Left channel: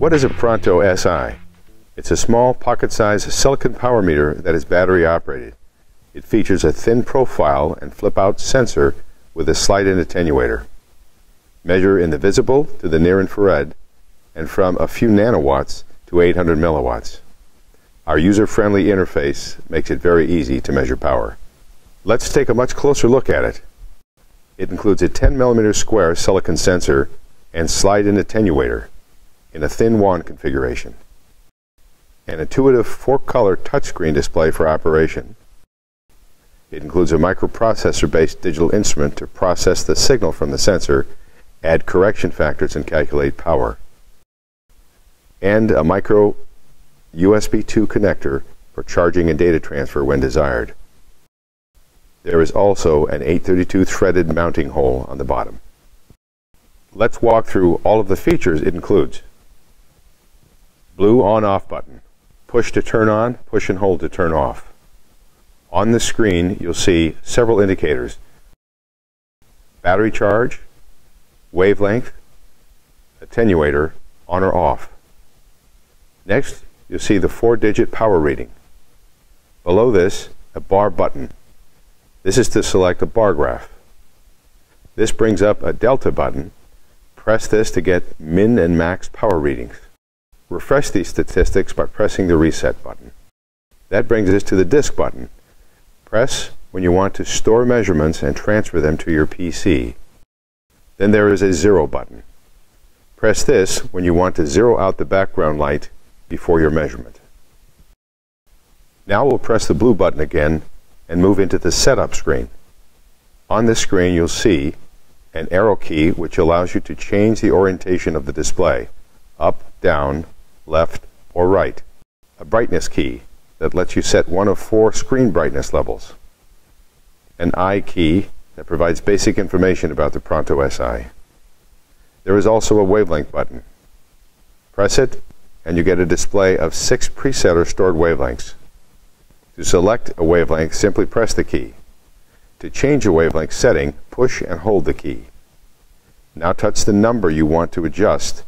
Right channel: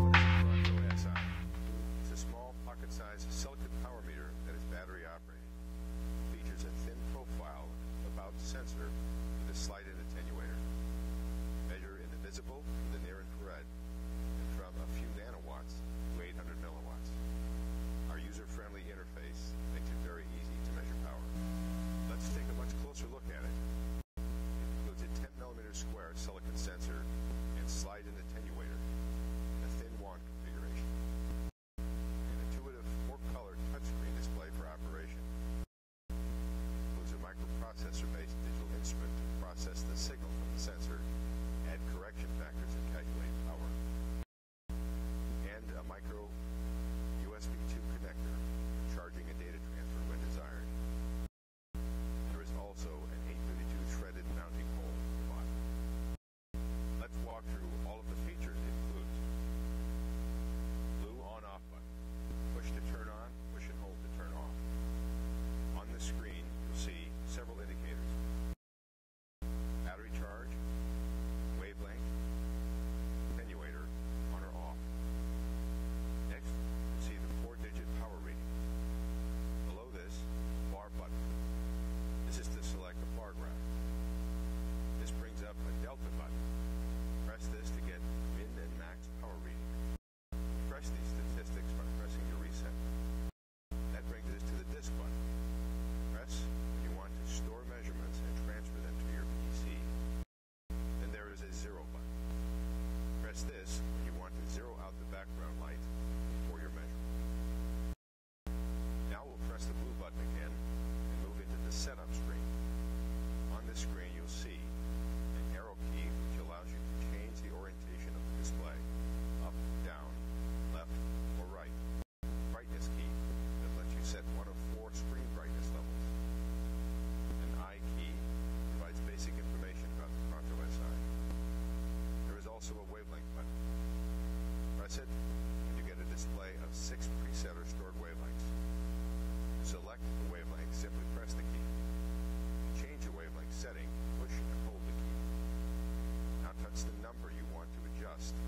What is a Pronto SI? It's a small, pocket-sized silicon power meter that is battery-operated. It features a thin profile and flip-out sensor with a slide-in attenuator. Measure in the visible to the near-infrared, and from a few nanowatts to 800 milliwatts. Our user-friendly interface makes it very easy to measure power. Let's take a much closer look at it. It includes a 10 mm square silicon sensor and slide-in attenuator in a thin wand configuration. An intuitive 4-color touchscreen display for operation. It includes a microprocessor-based digital instrument to process the signal from the sensor, add correction factors, and calculate power. And a micro USB 2 connector for charging and data transfer when desired. There is also an 832 threaded mounting hole on the bottom. Let's walk through all of the features it includes. Blue on-off button. Push to turn on, push and hold to turn off. On the screen, you'll see several indicators. Battery charge, wavelength, attenuator, on or off. Next, you'll see the 4-digit power reading. Below this, a bar button. This is to select a bar graph. This brings up a delta button. Press this to get min and max power readings. Refresh these statistics by pressing the reset button. That brings us to the disk button. Press when you want to store measurements and transfer them to your PC. Then there is a 0 button. Press this when you want to zero out the background light before your measurement. Now we'll press the blue button again and move into the setup screen. On this screen you'll see an arrow key which allows you to change the orientation of the display, up, down, left, or right. A brightness key that lets you set one of 4 screen brightness levels. An I key that provides basic information about the Pronto SI. There is also a wavelength button. Press it and you get a display of 6 preset or stored wavelengths. To select a wavelength, simply press the key. To change a wavelength setting, push and hold the key. Now touch the number you want to adjust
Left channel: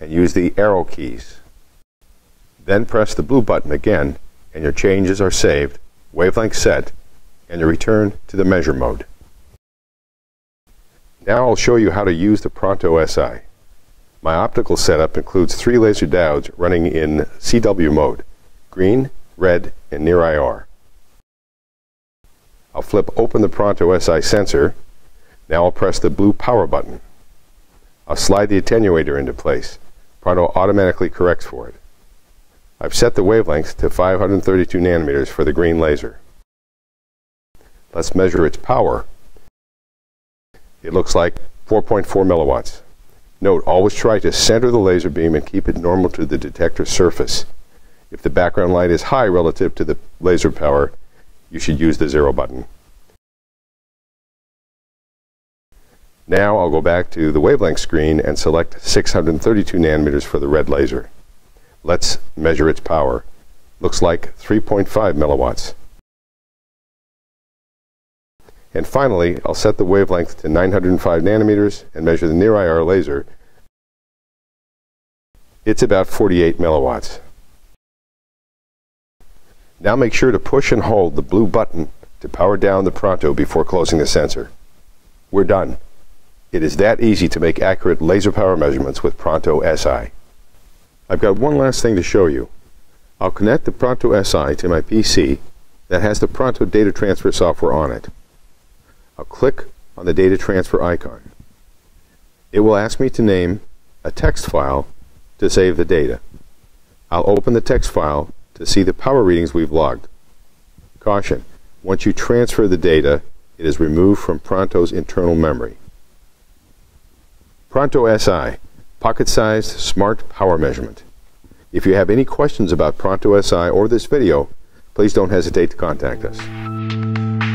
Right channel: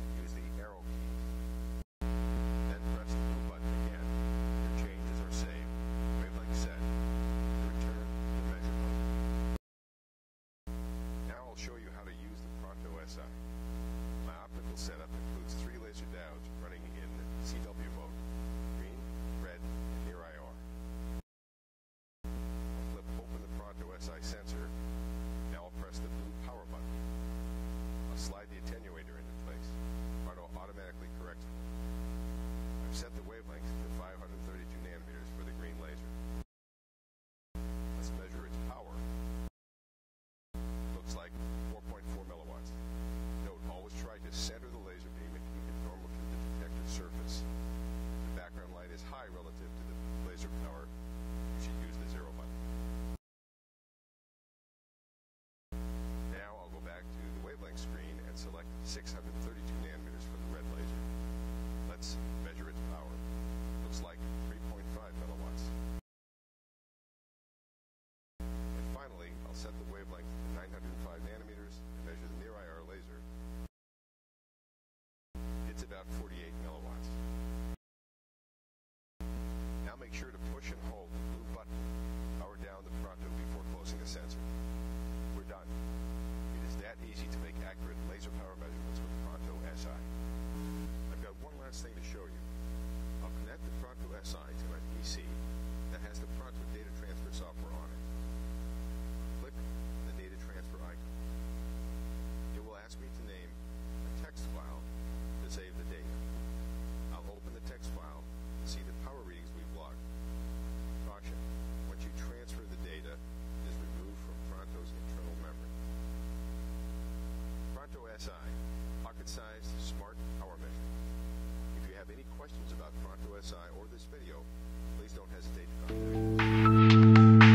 and use the arrow keys. Then press the blue button again and your changes are saved, wavelength set, and you return to the measure mode. Now I'll show you how to use the Pronto SI. My optical setup includes 3 laser diodes running in CW mode, green, red, and near IR. I'll flip open the Pronto SI sensor. Now I'll press the blue power button. I'll slide the attenuator into place. Pronto automatically corrects for it. I've set the wavelength to 532 nanometers for the green laser. Let's measure its power. It looks like 4.4 milliwatts. Note, always try to center the laser beam and keep it normal to the detector surface. If the background light is high relative to the laser power, you should use the 0 button. Now I'll go back to the wavelength screen and select 632 nanometers for the red laser. Let's measure its power. Looks like 3.5 milliwatts. And finally, I'll set the wavelength to 905 nanometers and measure the near IR laser. It's about 48 milliwatts. Now make sure to push and hold the blue button to power down the Pronto before closing the sensor. We're done. It is that easy to make accurate laser power measurements with Pronto SI. I've got one last thing to show you. I'll connect the Pronto SI to my PC that has the Pronto data transfer software on it. I'll click on the data transfer icon. It will ask me to name a text file to save the data. I'll open the text file to see the power readings we've logged. Caution, once you transfer the data, it is removed from Pronto's internal memory. Pronto SI, pocket-sized smart power measurement. If you have any questions about Pronto SI or this video, please don't hesitate to contact us.